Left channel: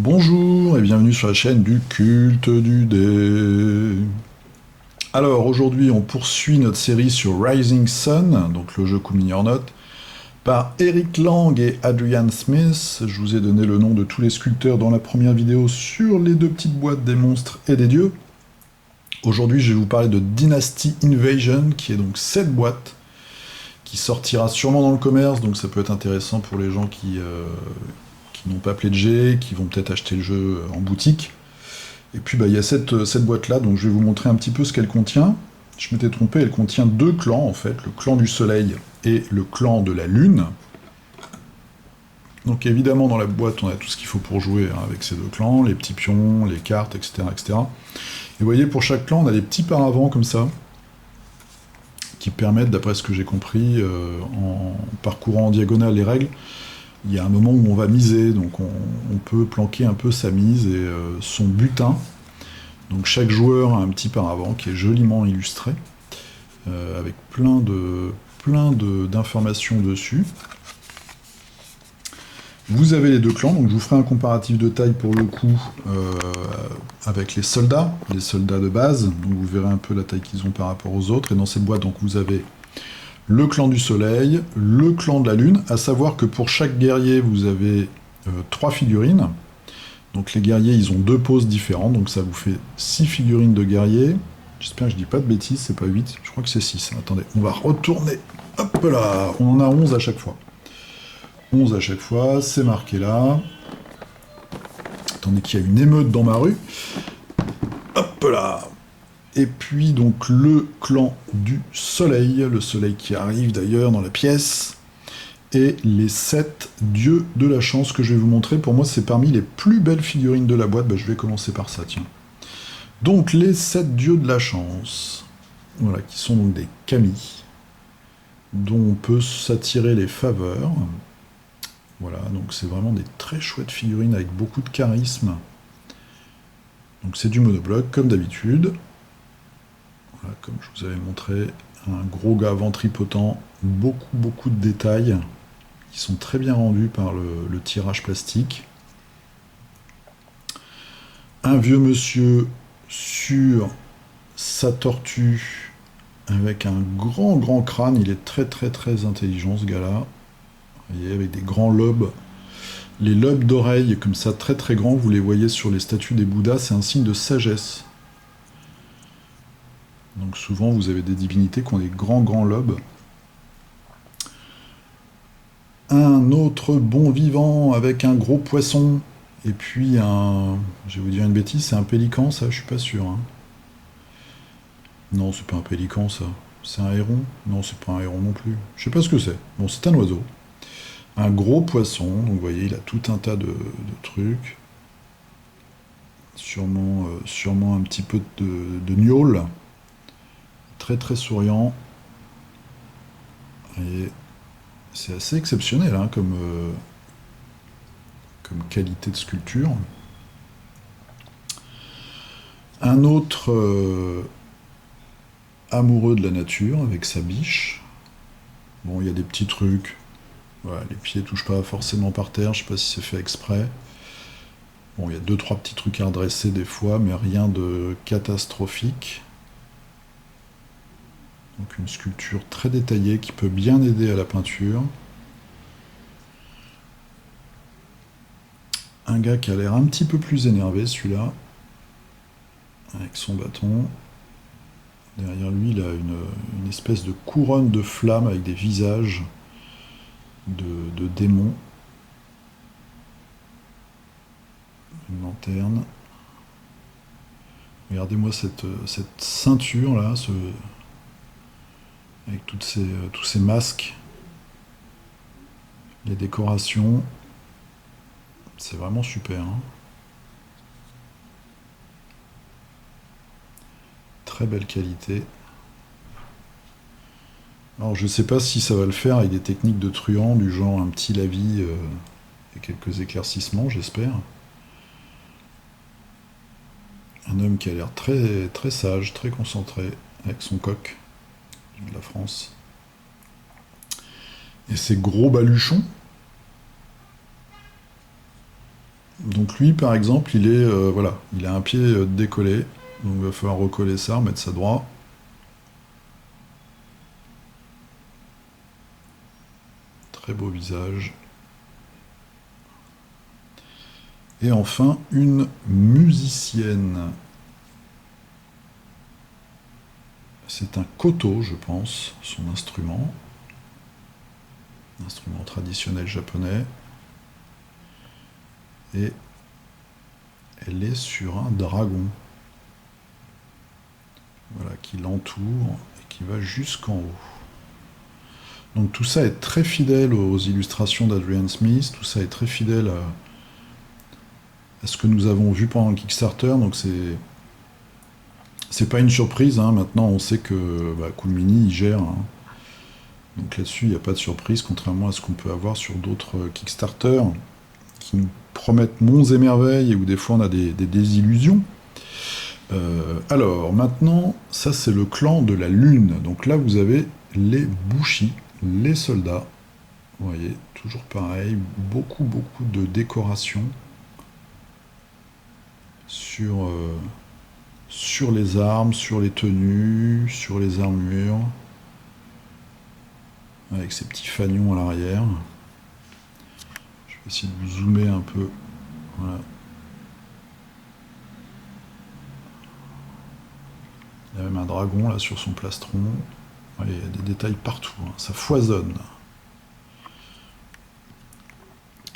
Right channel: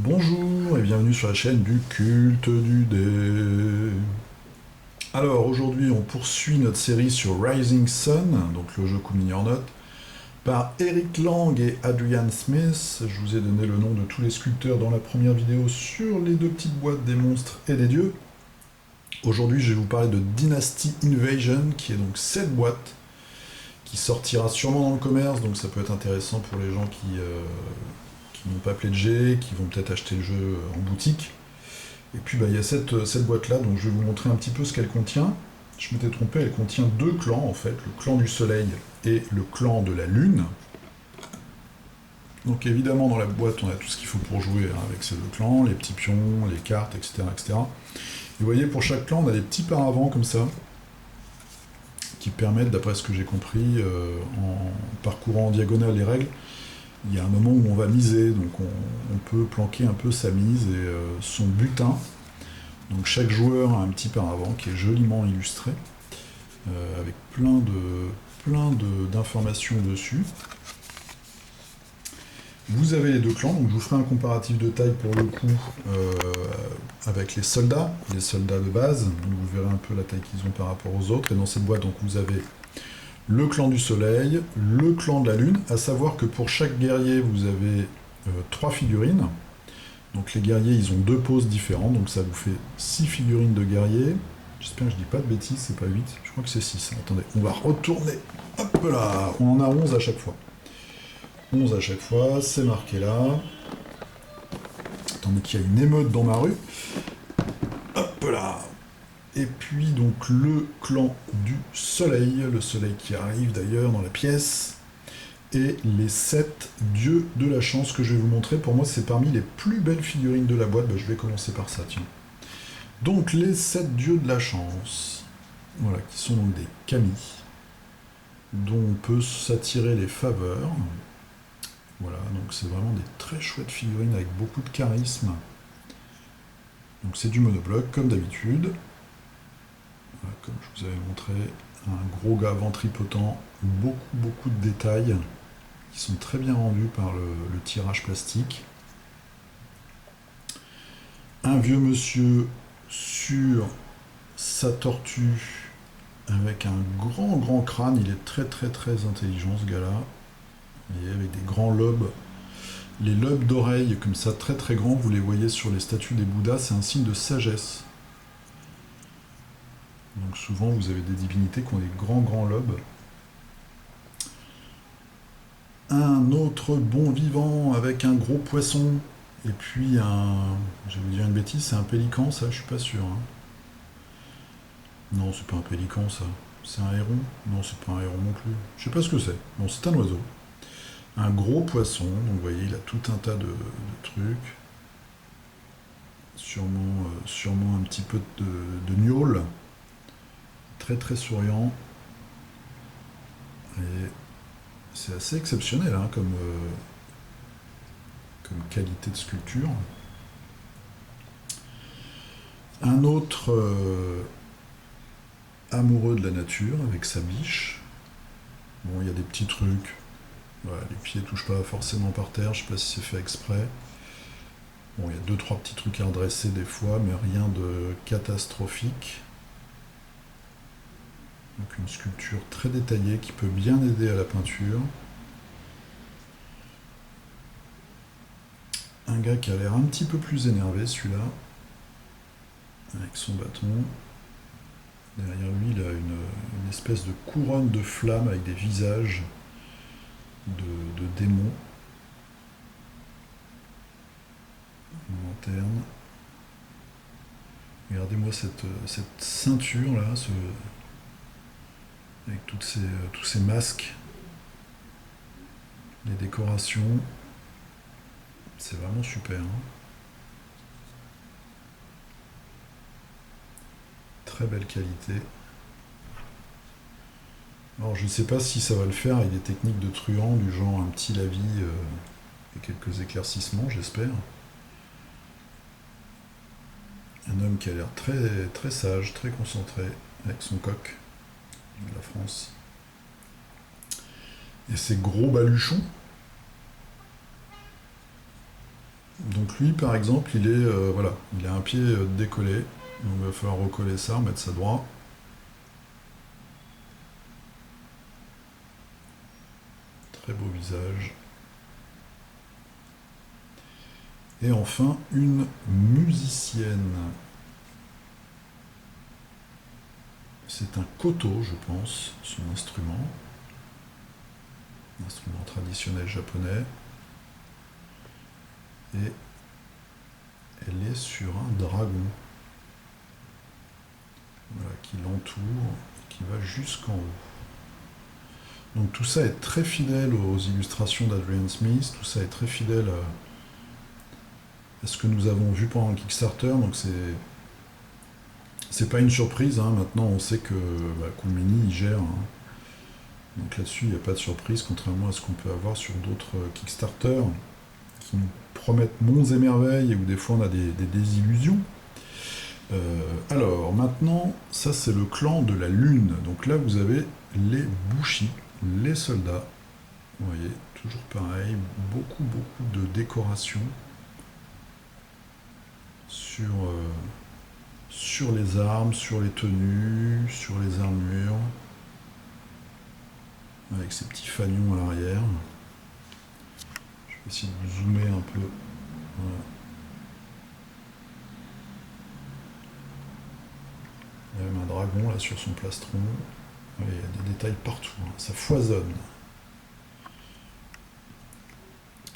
Bonjour et bienvenue sur la chaîne du culte du dé. Alors aujourd'hui on poursuit notre série sur Rising Sun, donc le jeu Kumi or Not, par Eric Lang et Adrian Smith. Je vous ai donné le nom de tous les sculpteurs dans la première vidéo sur les deux petites boîtes des monstres et des dieux. Aujourd'hui je vais vous parler de Dynasty Invasion, qui est donc cette boîte, qui sortira sûrement dans le commerce, donc ça peut être intéressant pour les gens qui n'ont pas pledgé, qui vont peut-être acheter le jeu en boutique. Et puis il y a cette boîte-là, donc je vais vous montrer un petit peu ce qu'elle contient. Je m'étais trompé, elle contient deux clans en fait, le clan du soleil et le clan de la lune. Donc évidemment dans la boîte on a tout ce qu'il faut pour jouer hein, avec ces deux clans, les petits pions, les cartes, etc., etc. Et vous voyez, pour chaque clan on a des petits paravents comme ça, qui permettent, d'après ce que j'ai compris, en parcourant en diagonale les règles, il y a un moment où on va miser, donc on peut planquer un peu sa mise et son butin. Donc chaque joueur a un petit paravent qui est joliment illustré, avec plein d'informations dessus. Vous avez les deux clans, donc je vous ferai un comparatif de taille pour le coup avec les soldats de base, donc vous verrez un peu la taille qu'ils ont par rapport aux autres. Et dans cette boîte, donc vous avez le clan du soleil, le clan de la lune, à savoir que pour chaque guerrier, vous avez 3 figurines. Donc les guerriers, ils ont 2 poses différentes, donc ça vous fait 6 figurines de guerriers. J'espère que je dis pas de bêtises, c'est pas 8, je crois que c'est 6. Attendez, on va retourner. Hop là, on en a 11 à chaque fois. 11 à chaque fois, c'est marqué là. Attendez qu'il y a une émeute dans ma rue. Hop là. Et puis donc le clan du soleil, le soleil qui arrive d'ailleurs dans la pièce, et les 7 dieux de la chance que je vais vous montrer. Pour moi c'est parmi les plus belles figurines de la boîte, je vais commencer par ça, tiens. Donc les 7 dieux de la chance, voilà, qui sont donc des kami, dont on peut s'attirer les faveurs. Voilà, donc c'est vraiment des très chouettes figurines avec beaucoup de charisme. Donc c'est du monobloc comme d'habitude. Voilà, comme je vous avais montré, un gros gars ventripotent, beaucoup de détails, qui sont très bien rendus par le tirage plastique. Un vieux monsieur sur sa tortue, avec un grand crâne, il est très intelligent ce gars-là. Vous voyez, avec des grands lobes. Les lobes d'oreilles, comme ça, très grands, vous les voyez sur les statues des Bouddhas, c'est un signe de sagesse. Donc souvent vous avez des divinités qui ont des grands lobes. Un autre bon vivant avec un gros poisson. Et puis je vais vous dire une bêtise, c'est un pélican ça, je suis pas sûr. Hein. Non, c'est pas un pélican ça. C'est un héron? Non, c'est pas un héron non plus. Je sais pas ce que c'est. Bon, c'est un oiseau. Un gros poisson, donc vous voyez, il a tout un tas de trucs. Sûrement un petit peu de gnôle. Très souriant. Et c'est assez exceptionnel hein, comme qualité de sculpture. Un autre amoureux de la nature avec sa biche. Bon, il y a des petits trucs. Voilà, les pieds touchent pas forcément par terre, je sais pas si c'est fait exprès. Bon, il y a 2-3 petits trucs à redresser des fois, mais rien de catastrophique. Donc une sculpture très détaillée qui peut bien aider à la peinture. Un gars qui a l'air un petit peu plus énervé, celui-là, avec son bâton. Derrière lui, il a une espèce de couronne de flammes avec des visages de démons. Une lanterne. Regardez-moi cette ceinture là, avec tous ces masques, les décorations. C'est vraiment super. Hein. Très belle qualité. Alors je sais pas si ça va le faire avec des techniques de truand, du genre un petit lavis et quelques éclaircissements, j'espère. Un homme qui a l'air très sage, très concentré, avec son coq de la France. Et ces gros baluchons. Donc lui, par exemple, voilà, il a un pied décollé. Donc il va falloir recoller ça, remettre ça droit. Très beau visage. Et enfin, une musicienne. C'est un koto, je pense, son instrument. Un instrument traditionnel japonais. Et elle est sur un dragon. Voilà, qui l'entoure et qui va jusqu'en haut. Donc tout ça est très fidèle aux illustrations d'Adrian Smith, tout ça est très fidèle à ce que nous avons vu pendant le Kickstarter, donc c'est pas une surprise, hein. Maintenant on sait que Cool Mini il gère, hein. Donc là-dessus il n'y a pas de surprise, contrairement à ce qu'on peut avoir sur d'autres Kickstarter qui nous promettent monts et merveilles et où des fois on a des désillusions. Alors maintenant, ça c'est le clan de la lune, donc là vous avez les Bushi, les soldats, vous voyez, toujours pareil, beaucoup de décorations sur les armes, sur les tenues, sur les armures, avec ces petits fanions à l'arrière. Je vais essayer de vous zoomer un peu. Voilà. Il y a même un dragon là sur son plastron. Ouais, il y a des détails partout, hein. Ça foisonne.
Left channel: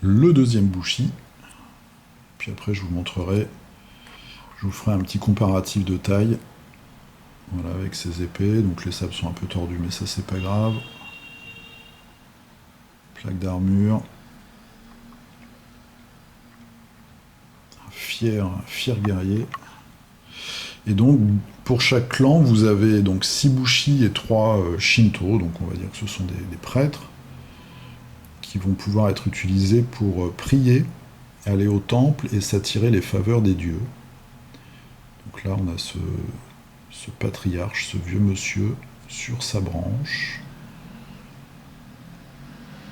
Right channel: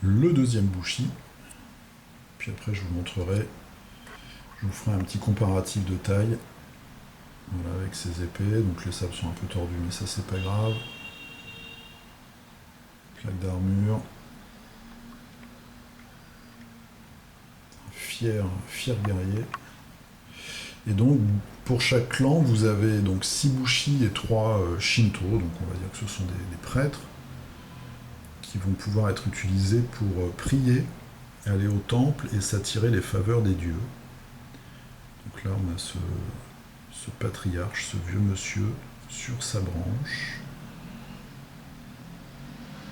Le deuxième Bushi. Puis après je vous montrerai, je vous ferai un petit comparatif de taille. Voilà, avec ses épées. Donc les sabres sont un peu tordus, mais ça c'est pas grave. Plaque d'armure. Un fier guerrier. Et donc, pour chaque clan, vous avez donc 6 Bushi et 3 Shinto, donc on va dire que ce sont des prêtres, qui vont pouvoir être utilisés pour prier, aller au temple et s'attirer les faveurs des dieux. Donc là, on a ce patriarche, ce vieux monsieur, sur sa branche.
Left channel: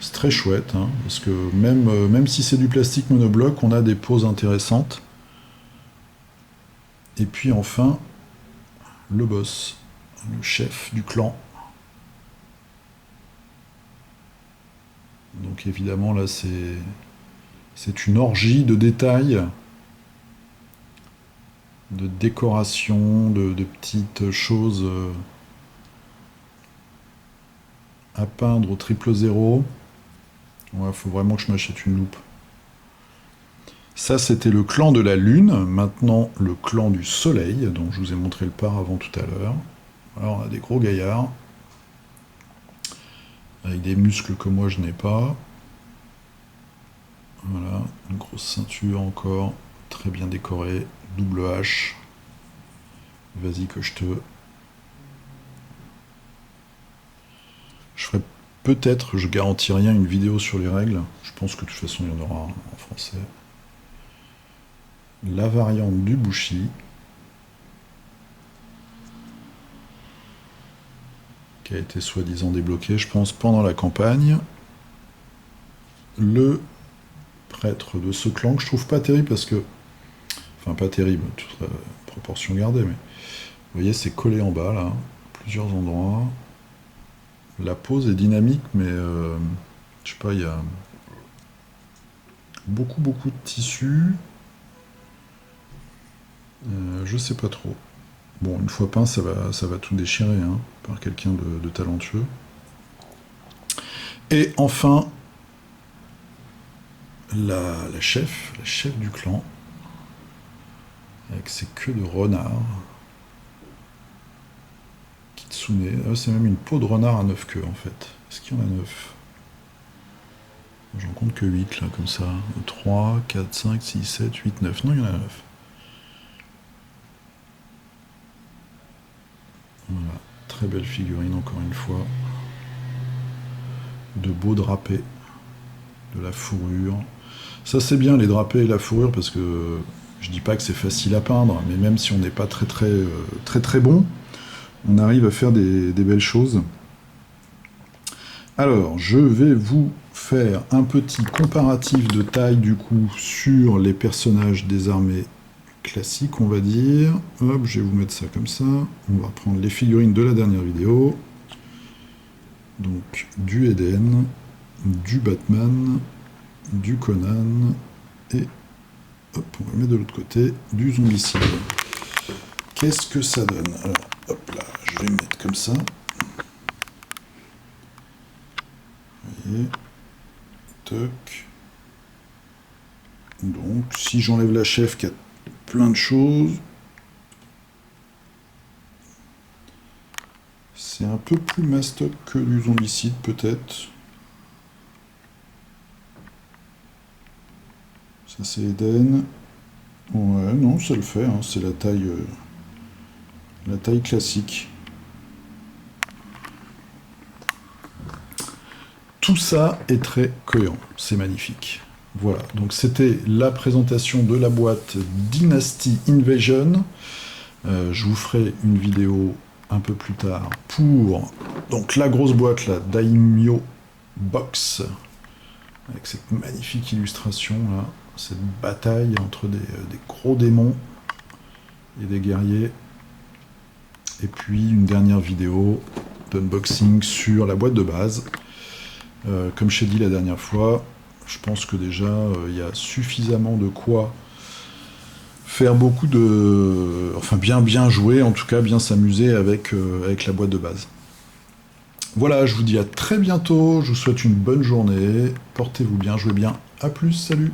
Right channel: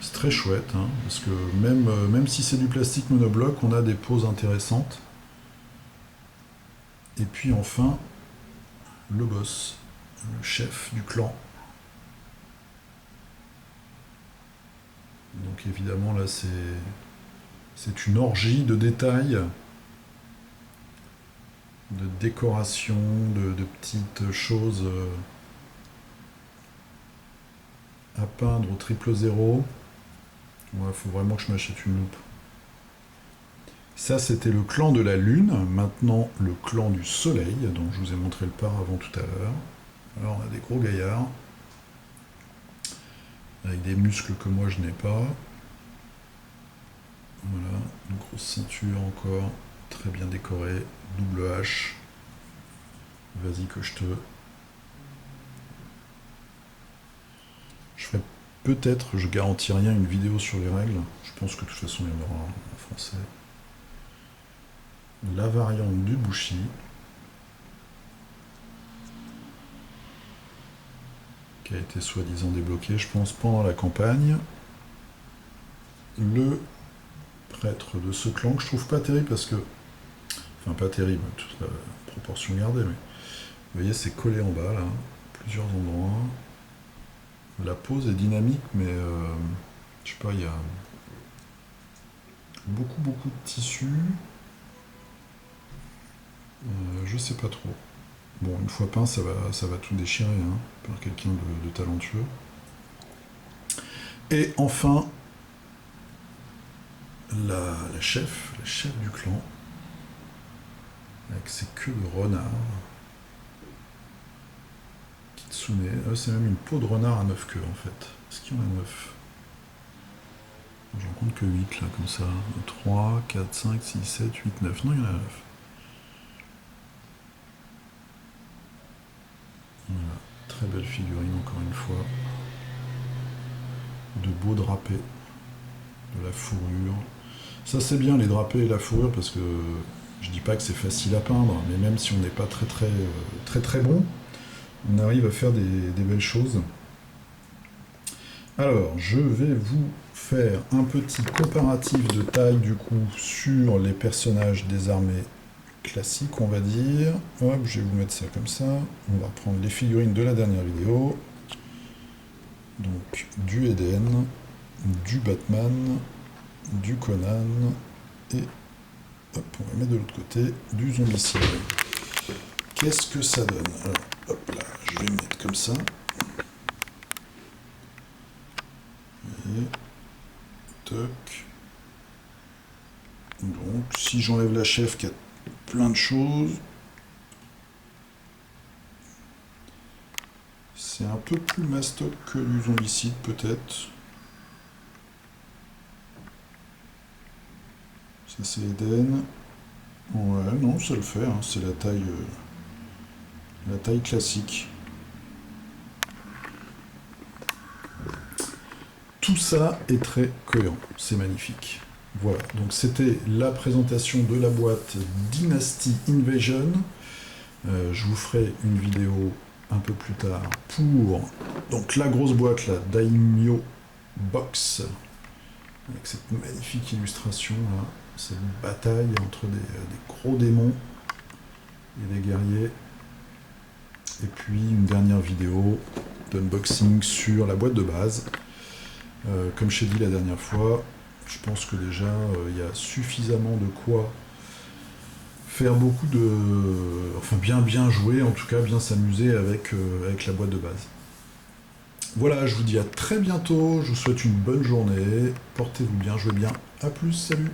C'est très chouette, hein, parce que même si c'est du plastique monobloc, on a des poses intéressantes. Et puis enfin, le boss, le chef du clan. Donc évidemment là c'est une orgie de détails, de décoration, de petites choses à peindre au 000. Ouais, faut vraiment que je m'achète une loupe. Ça, c'était le clan de la lune. Maintenant, le clan du soleil, dont je vous ai montré le avant tout à l'heure. Alors, on a des gros gaillards, avec des muscles que moi je n'ai pas. Voilà, une grosse ceinture encore, très bien décorée, double hache. Vas-y que je te... Je ferai peut-être, je garantis rien, une vidéo sur les règles. Je pense que de toute façon il y en aura en français. La variante du Bushi. Qui a été soi-disant débloquée, je pense, pendant la campagne. Le prêtre de ce clan, que je trouve pas terrible parce que... Enfin, pas terrible, toute proportion gardée, mais... Vous voyez, c'est collé en bas, là. Plusieurs endroits. La pose est dynamique, mais... je sais pas, il y a... beaucoup de tissu. Je sais pas trop. Bon, une fois peint, ça va tout déchirer, hein, par quelqu'un de talentueux. Et enfin, la chef du clan, avec ses queues de renard. Kitsune, c'est même une peau de renard à 9 queues en fait. Est-ce qu'il y en a 9? J'en compte que 8 là, comme ça. 3, 4, 5, 6, 7, 8, 9. Non, il y en a 9. Voilà, très belle figurine encore une fois. De beaux drapés, de la fourrure. Ça c'est bien les drapés et la fourrure parce que je dis pas que c'est facile à peindre, mais même si on n'est pas très bon, on arrive à faire des belles choses. Alors, je vais vous faire un petit comparatif de taille du coup sur les personnages des armées classiques, on va dire. Hop, je vais vous mettre ça comme ça. On va prendre les figurines de la dernière vidéo. Donc, du Eden, du Batman, du Conan, et hop, on va mettre de l'autre côté, du Zombicide. Qu'est-ce que ça donne? Alors, hop là, je vais mettre comme ça. Vous voyez, toc. Donc, si j'enlève la chef qui a plein de choses, c'est un peu plus mastoc que du Zombicide peut-être. Ça c'est Eden. Ouais, non, ça le fait, hein, c'est la taille classique. Tout ça est très cohérent, c'est magnifique. Voilà, donc c'était la présentation de la boîte Dynasty Invasion. Je vous ferai une vidéo un peu plus tard pour donc la grosse boîte, la Daimyo Box, avec cette magnifique illustration là, cette bataille entre des gros démons et des guerriers. Et puis une dernière vidéo d'unboxing sur la boîte de base. Comme je t'ai dit la dernière fois, je pense que déjà il y a suffisamment de quoi faire beaucoup de... Enfin bien jouer, en tout cas bien s'amuser avec la boîte de base. Voilà, je vous dis à très bientôt, je vous souhaite une bonne journée, portez-vous bien, jouez bien, à plus, salut!